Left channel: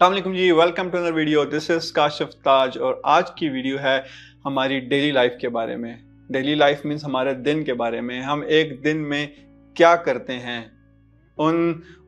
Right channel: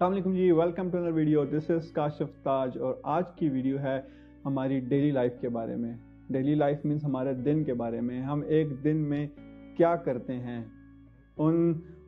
अस्सलामुअलैकुम जी, welcome to another video. This is Kashif Taj और आज की वीडियो है हमारी डेली लाइफ के बारे में। डेली लाइफ मीन्स हमारे दिन के बारे में। हम एक दिन में क्या करते हैं,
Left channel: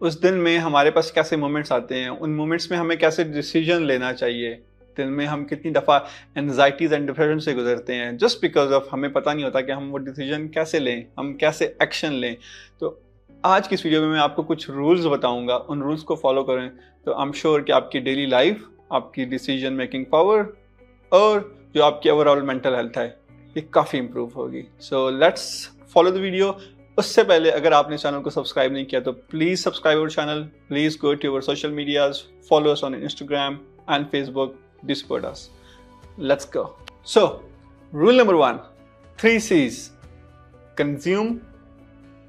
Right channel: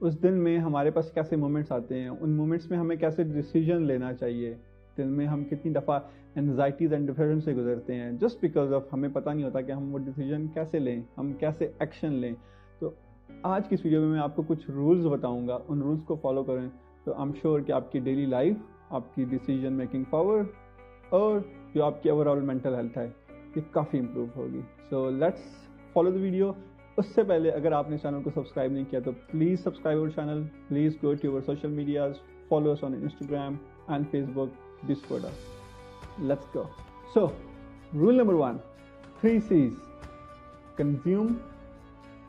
उस दिन में हमारे पास कैसे मोमेंट्स आते हैं, उन मोमेंट्स में हमें कैसे डिसीजन लेना चाहिए, दिन में हम कितनी दफ़ा एनजाइटीज़ एंड डिप्रेशन से गुजरते हैं जस्ट बिकॉज ऑफ हमें पता नहीं होता कि हम वो डिसीजन कैसे लें, हम कैसे एक्शन लें। तो आज की इस वीडियो में मैं आपको कुछ रूल्स बताऊंगा, उन रूल्स को फॉलो करें तो आई एम श्योर कि आपकी डेली लाइफ, आपकी डिसीजन मेकिंग पावर और जो आपकी ओवरऑल मेंटल हेल्थ है ये काफ़ी इंप्रूव होगी। So let's follow the video. उससे पहले अगर आपने चैनल को सब्सक्राइब नहीं किया तो please subscribe our channel, please go to our social medias, follow us on Instagram and Facebook, support us. Let's go. So, rule number 1, 3 C's: consume,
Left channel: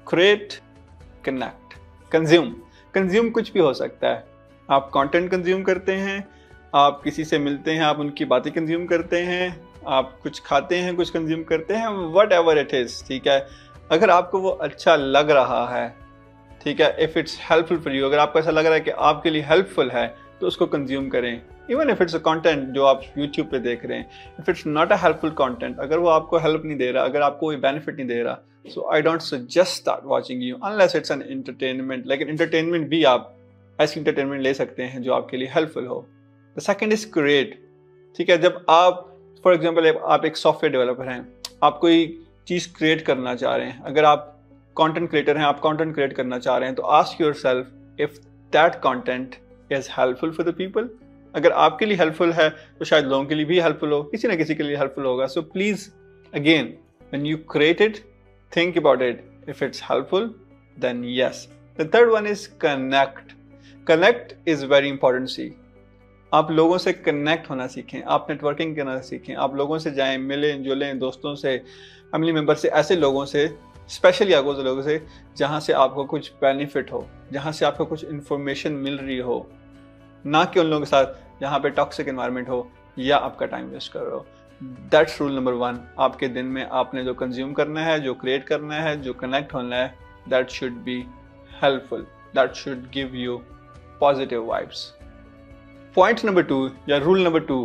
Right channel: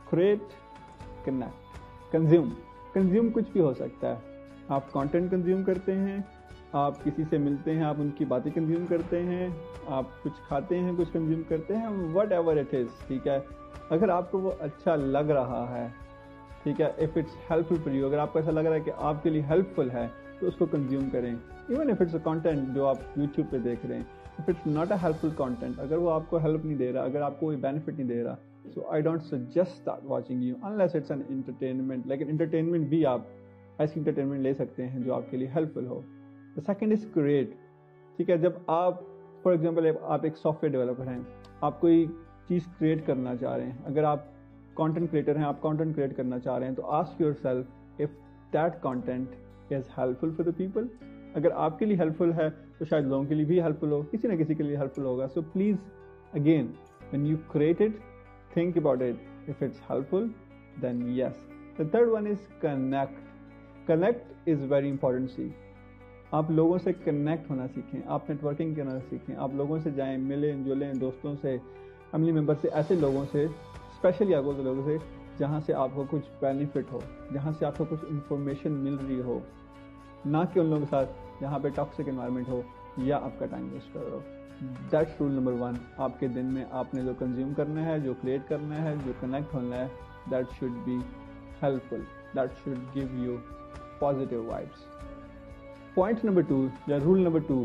create, connect. Consume कुछ भी हो सकता है। आप कंटेंट कंज्यूम करते हैं, आप किसी से मिलते हैं, आप उनकी बातें कंज्यूम करते हैं, आप कुछ खाते हैं, कुछ कंज्यूम करते हैं, whatever it is, ठीक है। अगर आपको वो अच्छा लग रहा है, ठीक है, if it's helpful for you, अगर आपको ऐसा लग रहा है कि आपके लिए हेल्पफुल है तो उसको कंज्यूम करें। Even if it's a content जो आप यूट्यूब पे देख रहे हैं, if it's not a helpful content, अगर वो आपको हेल्प नहीं दे रहा, अगर आपको कोई बेनिफिट नहीं दे रहा, so I don't suggest that watching you unless it's an entertainment. लेकिन एंटरटेनमेंट भी आप ऐसी एंटरटेनमेंट ले सकते हैं जो आपके लिए हेल्पफुल हो। द सेकेंड इज क्रिएट, ठीक है। जब आप फॉर एग्जाम्पल आप एक सॉफ्टवेयर डेवलपर हैं, आप कोई चीज़ क्रिएट करना चाह रहे हैं, अगर आप कंटेंट क्रिएटर हैं, आप कंटेंट क्रिएट करना चाह रहे हैं, तो ask yourself if that content is helpful for the people. अगर आपके लिए हेल्पफुल है तो शायद लोगों के लिए भी हेल्पफुल हो, किसी ना किसी के लिए हेल्पफुल होगा। So please again, when you create it, think about it, if it's helpful then yes. The third one is connect is very important see. आप लोगों से कनेक्ट होना सीखें, आप नेटवर्किंग करना सीखें, आप लोगों से जाएं, मिलें जुलें, दोस्तों से, फैमिली मेम्बर से, ऐसे लोगों से, स्पेशली आपको लोगों से जहाँ से आपको कुछ बेनिफिट हो, जहाँ से आपको कुछ इन्फॉर्मेशन मिल रही हो, ना कि उन लोगों के साथ जहाँ पे टॉक्सिक एनवायरनमेंट हो या आपका टाइम वेस्ट कर रहे हो। That's rule number 1। आपके दिन में आपने जो कंज्यूम करना है, जो क्रिएट करना है, जो कनेक्ट होना है, that should be helpful, that should give you positive vibes. Point number 2 या rule number 2,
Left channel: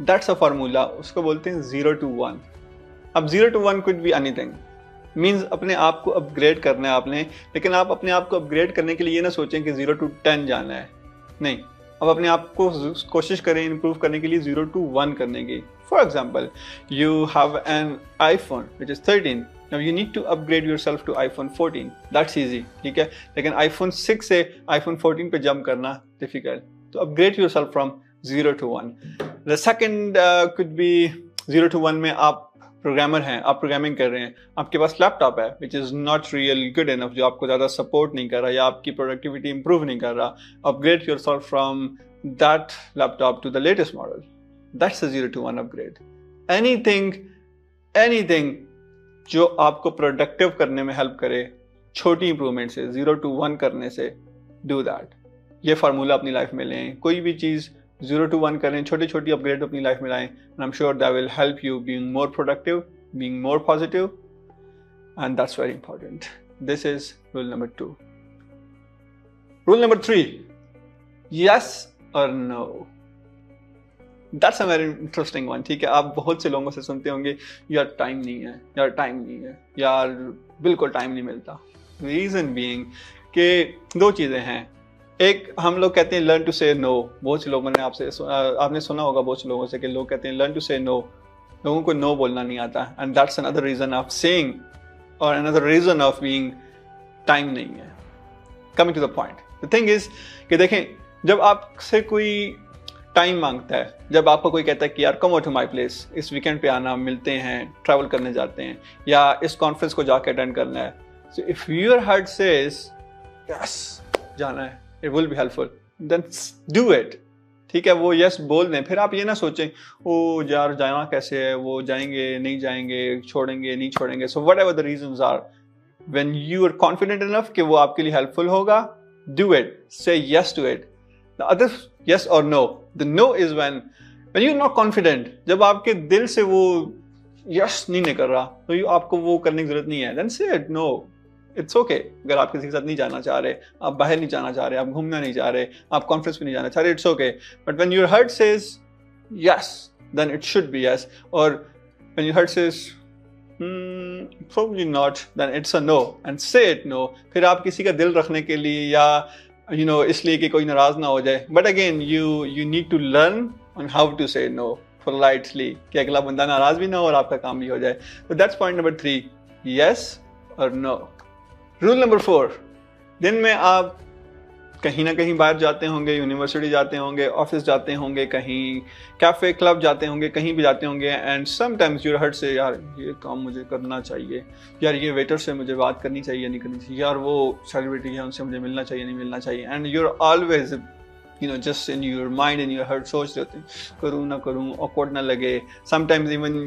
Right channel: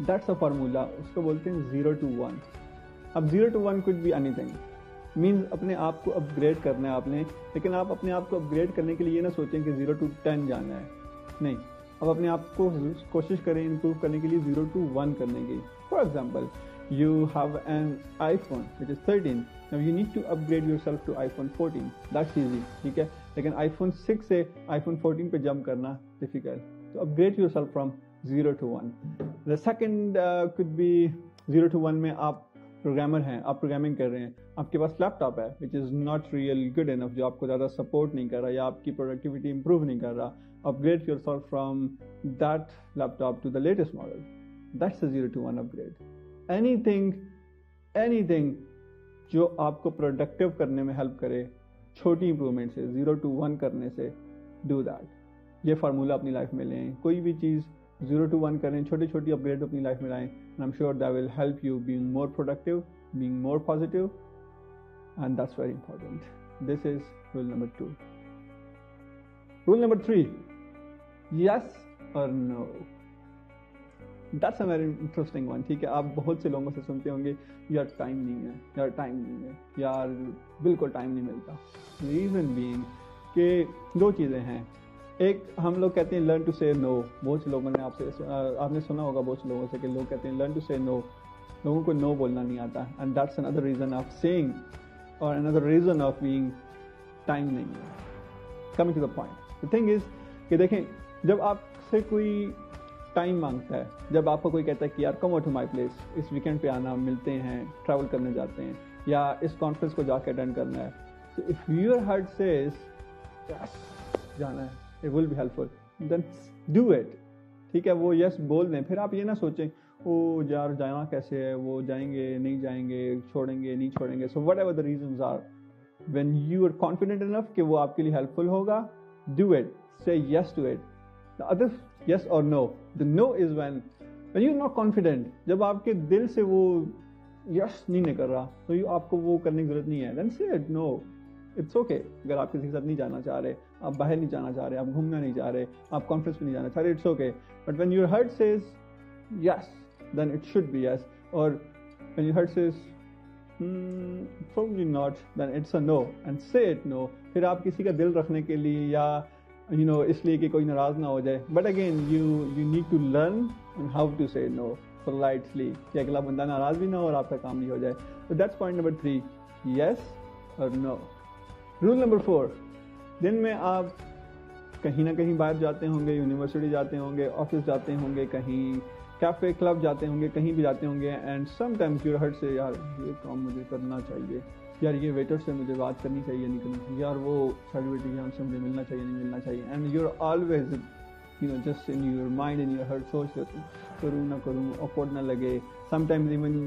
that's a formula, उसको बोलते हैं 0 to 1। अब 0 to 1 could be anything, means अपने आप को अपग्रेड करना है आपने, लेकिन आप अपने आप को अपग्रेड करने के लिए ये ना सोचें कि 0 to 10 जाना है, नहीं। अब अपने आप को कोशिश करें इम्प्रूव करने के लिए 0 to 1 करने की। For example, you have an iPhone which is 13, now you need to upgrade yourself to iPhone 14, that's easy, ठीक है। लेकिन iPhone 6 से iPhone 14 पे जंप करना डिफिकल्ट, तो upgrade yourself from 0 to 1। The second could be 0 to 1 में आप programmer हैं, आप प्रोग्रामिंग कर रहे हैं, आपके पास लैपटॉप है which is not real good enough, जो आपको ज़्यादा सपोर्ट नहीं कर रहा या आपकी प्रोडक्टिविटी इंप्रूव नहीं कर रहा, upgrade yourself from that laptop to the latest model. That's a 0 to 1 upgrade. Anything जो आपको प्रोडक्टिव करने में हेल्प करे, छोटी इंप्रूवमेंट से, 0 to 1 करने से, डू दैट। ये फार्मूला अपनी लाइफ में लें, कोई भी चीज़ 0 to 1 करें, छोटी छोटी अपग्रेड अपनी लाइफ में लाएं, and I'm sure that will help you being more productive, being more positive, and that's very important. This is rule number 2. Rule number 3, yes or no. That's a very interesting one, ठीक है। आप बहुत से लोगों से सुनते होंगे, यार टाइम नहीं है, यार टाइम नहीं है, यार बिल्कुल टाइम नहीं मिलता। रीज़न बीइंग कि 2 चीज़ें हैं। एक, हम लोग कहते हैं लर्न टू से नो। बहुत से लोगों ने आपने सुना होगा बहुत से लोगों से कि लोग कहते हैं लर्न टू से नो, लोगों को नो बोलना नहीं आता, and that's another reason of saying और another reason of being time नहीं है। Coming to the point, the thing is कि देखें, जब आपसे कोई टाइम मांगता है, जब आपको कोई कहता है कि यार come out to my place, इस वीकेंड पे आना, मिलते हैं, ट्रैवल करने जाते हैं, या इस कॉन्फ्रेंस को जाके अटेंड करना है, so if your heart says yes जाना है, it will be helpful, then do it, ठीक है। वो यस बोल दें, फिर आप ये ना सोचें ओ यार जाना कैसे है, वो जाएंगे नहीं जाएंगे, छोड़ेंगे नहीं छोड़ेंगे। So whatever the reasons are, when you are confident enough कि वो आपके लिए हेल्पफुल होगा, do it, say yes to it. The other yes और no, the no is when you are not confident, जब आपके दिल से वो यस नहीं निकल रहा, तो आपको वो करने की जरूरत नहीं है, देन से इट नो, इट्स ओके अगर आप किसी के साथ नहीं जाना चाह रहे, आप बाहर नहीं जाना चाह रहे, आप घूमना नहीं चाह रहे, आप कॉन्फ्रेंस पे नहीं जाना चाह रहे, it's okay. But when your heart says yes, then it should be yes. और when your heart says probably not, then it's a no, and say it no. फिर आप किसी का दिल रखने के लिए या इसलिए कि कोई नाराज ना हो जाए, but again you need to learn on how to say no politely कि अगला बंदा नाराज भी ना हो और आपका काम भी हो जाए. So that's point number 3, yes or no. Rule number 4, दिन में आप कहीं ना कहीं बाहर जाते होंगे, यूनिवर्सिटी जाते होंगे, ऑफिस जाते होंगे, कहीं कैफे क्लब जाते होंगे, कहीं भी जाते होंगे, एंड समटाइम्स योर हार्ट से यार ये काम मुझे करना चाहिए, यार ये वेटर से मुझे बात करनी चाहिए नहीं करनी चाहिए, यार वो सेलिब्रिटी है उनसे मुझे मिलना चाहिए नहीं मिलना चाहिए, and you're always just in your mind in your heart सोच रहे होते करूँ ना करूँ, ऑकवर्ड ना लगे. Sometimes even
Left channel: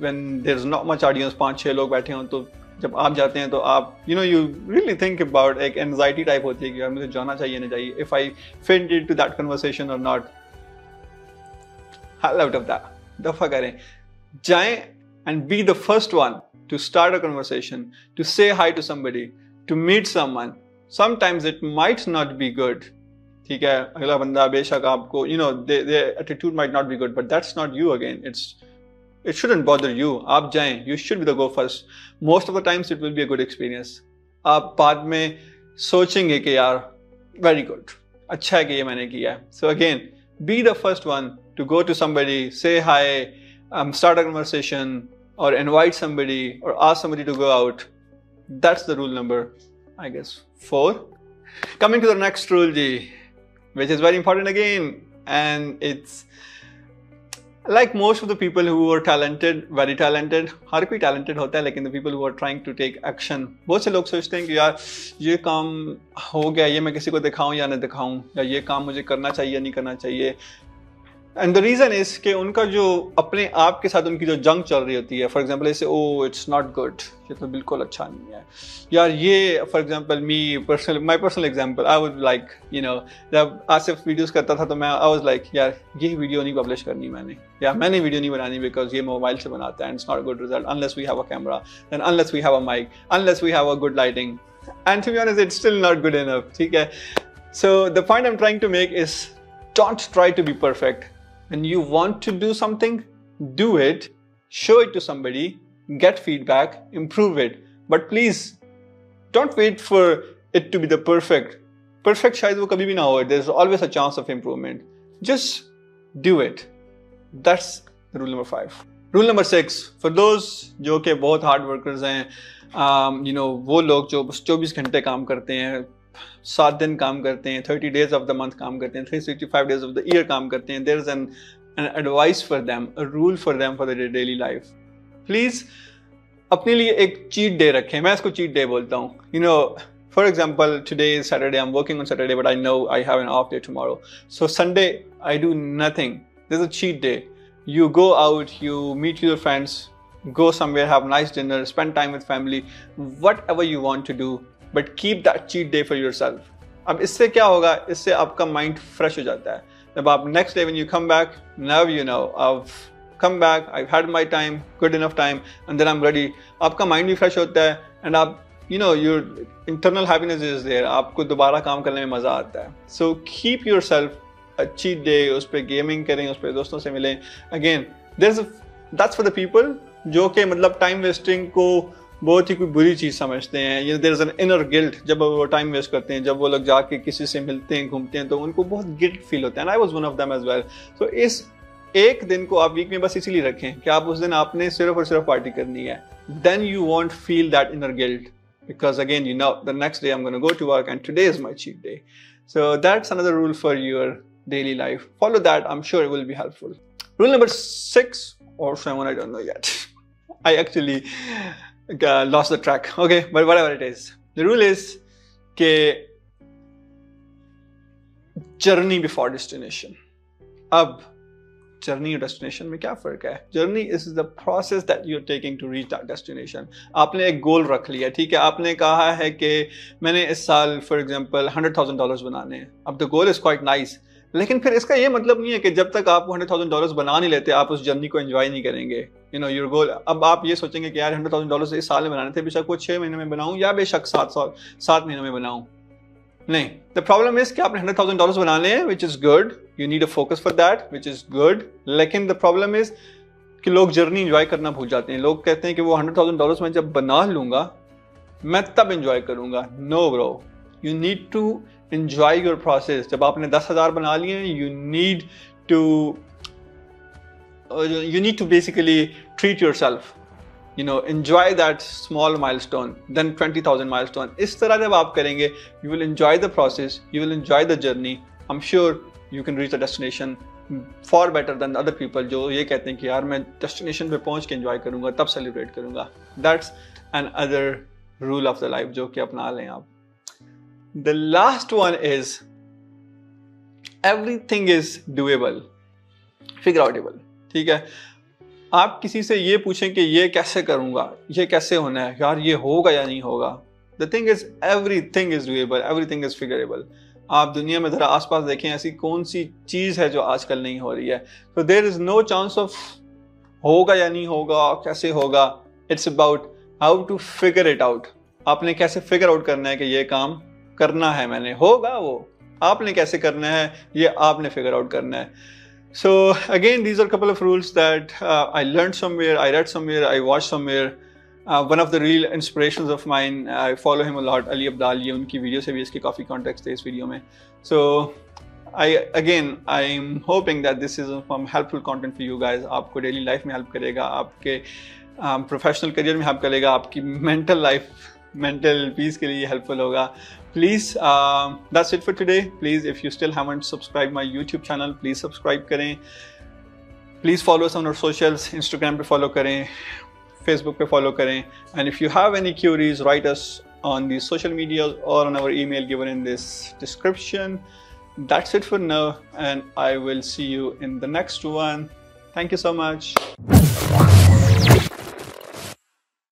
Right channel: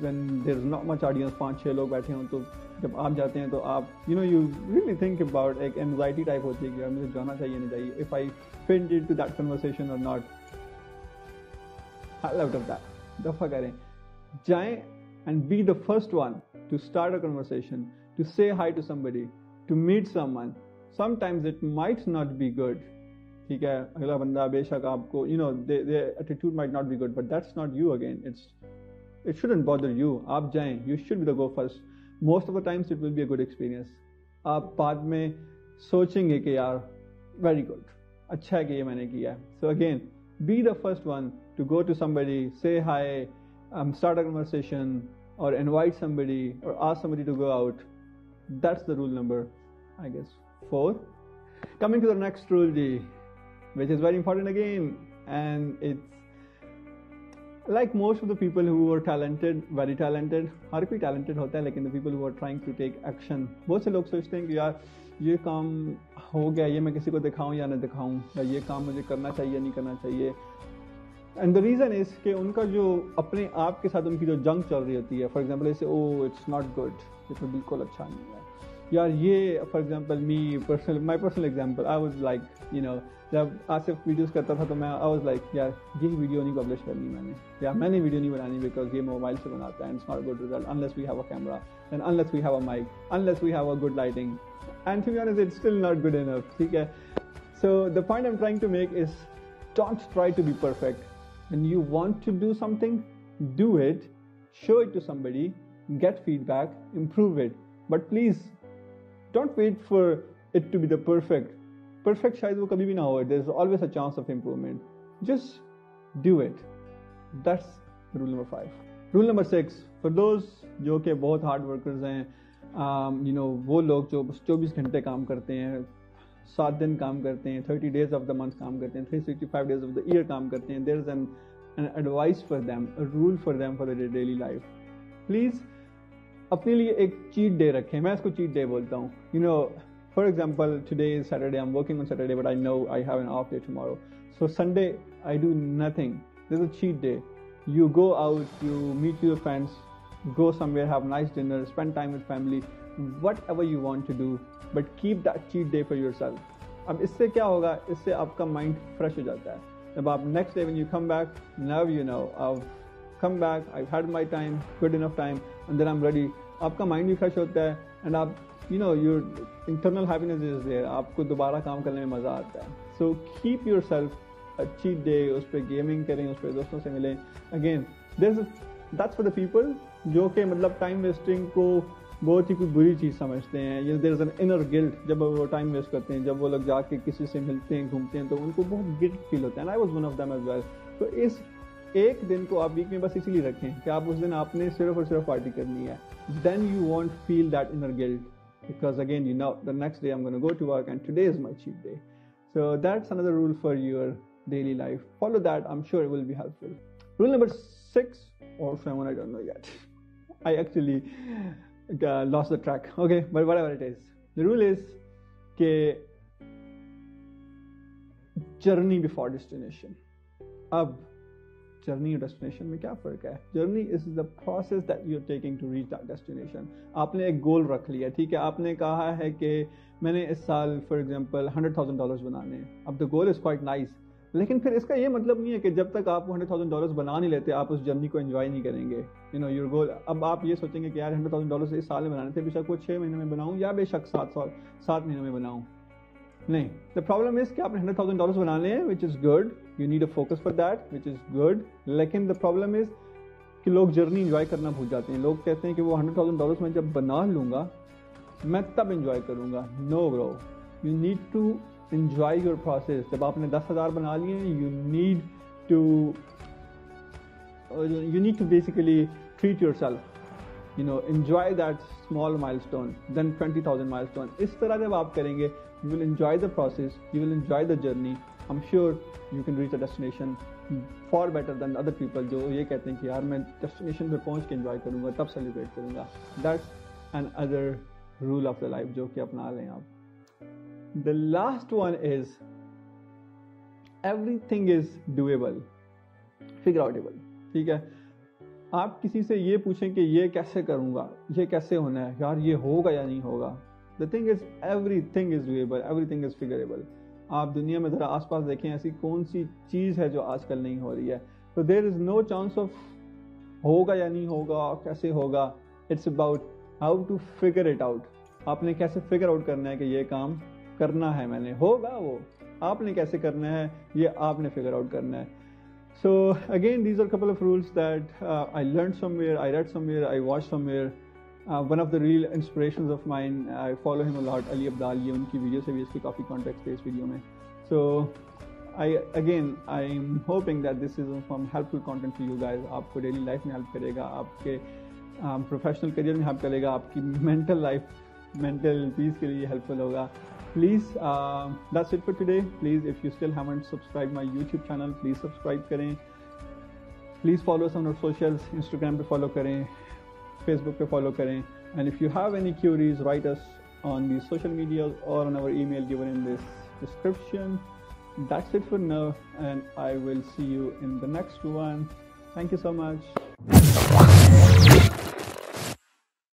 when there is not much audience, 5-6 लोग बैठे हों, तो जब आप जाते हैं तो आप यू रियली थिंक अबाउट, एक एंजाइटी टाइप होती है कि यार मुझे जाना चाहिए नहीं चाहिए, if I fit into that conversation और not. Hell out of that. दफा करें, जाएं and be the first one to start a conversation, to say hi to somebody, to meet someone. Sometimes it might not be good. ठीक है, अगला बंदा बेशक आपको their attitude might not be good, but that's not you again. It shouldn't bother you. आप जाएं, you should be the go first. Most of the times it will be a good experience. आप बाद में सोचेंगे कि यार very good, अच्छा है कि ये मैंने किया. So again, be the first one to go to somebody, say hi, start a conversation, or invite somebody, or ask somebody to go out. That's the rule number, I guess, 4. Coming to the next rule, which is very important again, and it's like most of the people who are talented, very talented, हर कोई talented होता है, लेकिन the people who are trying to take action, बहुत से लोग सोचते हैं कि यार ये काम हो गया, ये मैं किसी को दिखाऊं या ना दिखाऊं, या ये काम मुझे करना चाहिए नहीं करना चाहिए. एंड द रीज़न इज कि उनका जो अपने आप के साथ उनकी जो जंग चल रही होती है, फॉर एग्जाम्पल ऐसे ओ इट्स नॉट गुड, ये तो बिल्कुल अच्छा नहीं है यार, ये for example my personal example, I would like जब आसिफ वीडियोस करता था तो मैं आई वाज लाइक यार ये वीडियो नहीं पब्लिश करनी मैंने, या मैंने वीडियो नहीं बनानी बिकॉज ये मोबाइल से बनाता है and it's not good result unless we have a camera, then unless we have a mic, unless we have a good lighting, and to be honest it's still not good enough. ठीक है, so the point I am trying to make is don't try to be perfect. When you want to do something, do it, show it to somebody, get feedback, improve it. But please, don't wait for it to be the perfect. Perfect शायद वो कभी भी ना हो. There's always a chance of improvement. Just do it. That's rule number 5. Rule number 6. For those जो कि बहुत hard workers हैं, वो लोग जो 24 घंटे काम करते हैं, 7 दिन काम करते हैं, 30 days of the month काम करते हैं, 365 days of the year काम करते हैं. There is an advice for them, a rule for them for their daily life. Please अपने लिए एक cheat day रखें. मैं इसको cheat day बोलता हूँ. For example, today is Saturday. I'm working on Saturday, but I know I have an off day tomorrow. So Sunday I do nothing. There's a cheat day. You go out, you meet your friends, go somewhere, have nice dinner, spend time with family, whatever you want to do. But keep that cheat day for yourself. अब इससे क्या होगा, इससे आपका mind fresh हो जाता है. जब आप next day when you come back, now I've come back, I've had my time, good enough time, and then I'm ready. आपका माइंड भी फ्रेश होता है एंड आप your internal happiness is there. आपको दोबारा काम करने में मज़ा आता है. So keep yourself a cheat day. उस पर गेमिंग करें, उस पर दोस्तों से मिलें. Again, that's for the people जो कि मतलब टाइम वेस्टिंग को बहुत ही कोई बुरी चीज़ समझते हैं. There is an inner guilt. जब वो टाइम वेस्ट करते हैं, जब वो लोग जाके किसी से मिलते हैं, घूमते हैं, तो उनको बहुत गिल्ट फील होता है. And I was one of them as well. So इस एक दिन को आप वीक में बस इसीलिए रखें कि आप उस दिन आपने सिर्फ और सिर्फ पार्टी करनी है. Then you won't feel that inner guilt because again the next day I'm going to go to work and today is my cheat day. So that's another rule for your daily life. Follow that. I'm sure it will be helpful. Rule number 6 or 7, I don't know yet. I actually lost the track. Okay, but whatever it is. The rule is ke journey before destination. अब journey और destination में क्या फ़र्क है? Journey is the process that you are taking to reach that destination. आपने एक गोल रख लिया, ठीक है, आपने कहा है कि मैंने इस साल फॉर एग्जांपल $100,000 बनाने हैं. अब the goal is quite nice, लेकिन फिर इसका ये मतलब नहीं है कि जब तक आप $100,000 बना नहीं लेते आप उस जर्नी को एंजॉय नहीं करेंगे। यू नो योर गोल, अब आप ये सोचेंगे कि यार $100,000 इस साल में बनाने थे, बेशक वो 6 महीने में बनाऊं या बेशक 7 महीनों में बनाऊं। नहीं, द प्रॉब्लम इज कि आपने $100,000 बनाने हैं, which is good, you need a focus for that, which is good. लेकिन द प्रॉब्लम इज कि लोग जर्नी एंजॉय करना भूल जाते हैं। लोग कहते हैं कि वो $100,000 मैं जब बना लूंगा मैं तब एंजॉय करूंगा। No bro, you need to enjoy your process. जब आपने 10,000 बना लिए, you need to basically treat yourself, you know, enjoy that small milestone, then 20,000 milestone. इस तरह जब आप करेंगे, you will enjoy the process, you will enjoy the journey. I'm sure you can reach the destination far better than other people जो ये कहते हैं कि यार मैं destination पे पहुंच के enjoy करूंगा, तब celebrate करूंगा. That's another rule of the life जो कि अपना लें आप. The last one is everything is doable, figure outable. ठीक है, आप किसी से ये पूछें कि ये कैसे करूँगा, ये कैसे होना है, यार ये होगा या नहीं होगा। The thing is everything is doable, everything is figurable. आप दुनिया में ज़रा आसपास देखें, ऐसी कौन सी चीज़ है जो आजकल नहीं हो रही है। तो there is no chance of होगा या नहीं होगा, कैसे होगा। It's about how to figure it out. आपने कैसे फिगर आउट करना है कि ये काम करना है मैंने, होगा वो आपने कैसे करना है, ये आपने फिगर आउट करना है। So again, these are a couple of rules that I learned somewhere, I read somewhere, I watched somewhere. One of the real inspirations of mine, I follow him a lot, Ali Abdal, ये उनकी video से भी इसके काफ़ी context है इस video में। So I'm hoping that this is some helpful content for you guys. आपको डेली लाइफ में हेल्प करेगा, आपके प्रोफेशनल करियर में हेल्प करेगा, आपकी मेंटल पीस के लिए हेल्पफुल होगा। Please, that's it for today. Please, if you still haven't subscribed my YouTube channel, please subscribe करें. Please follow us on our socials. Instagram पे follow करें, Facebook पे follow करें. And if you have any queries, write us on the social media or on our email given in this description. That's it for now, and I will see you in the next one. Thank you so much.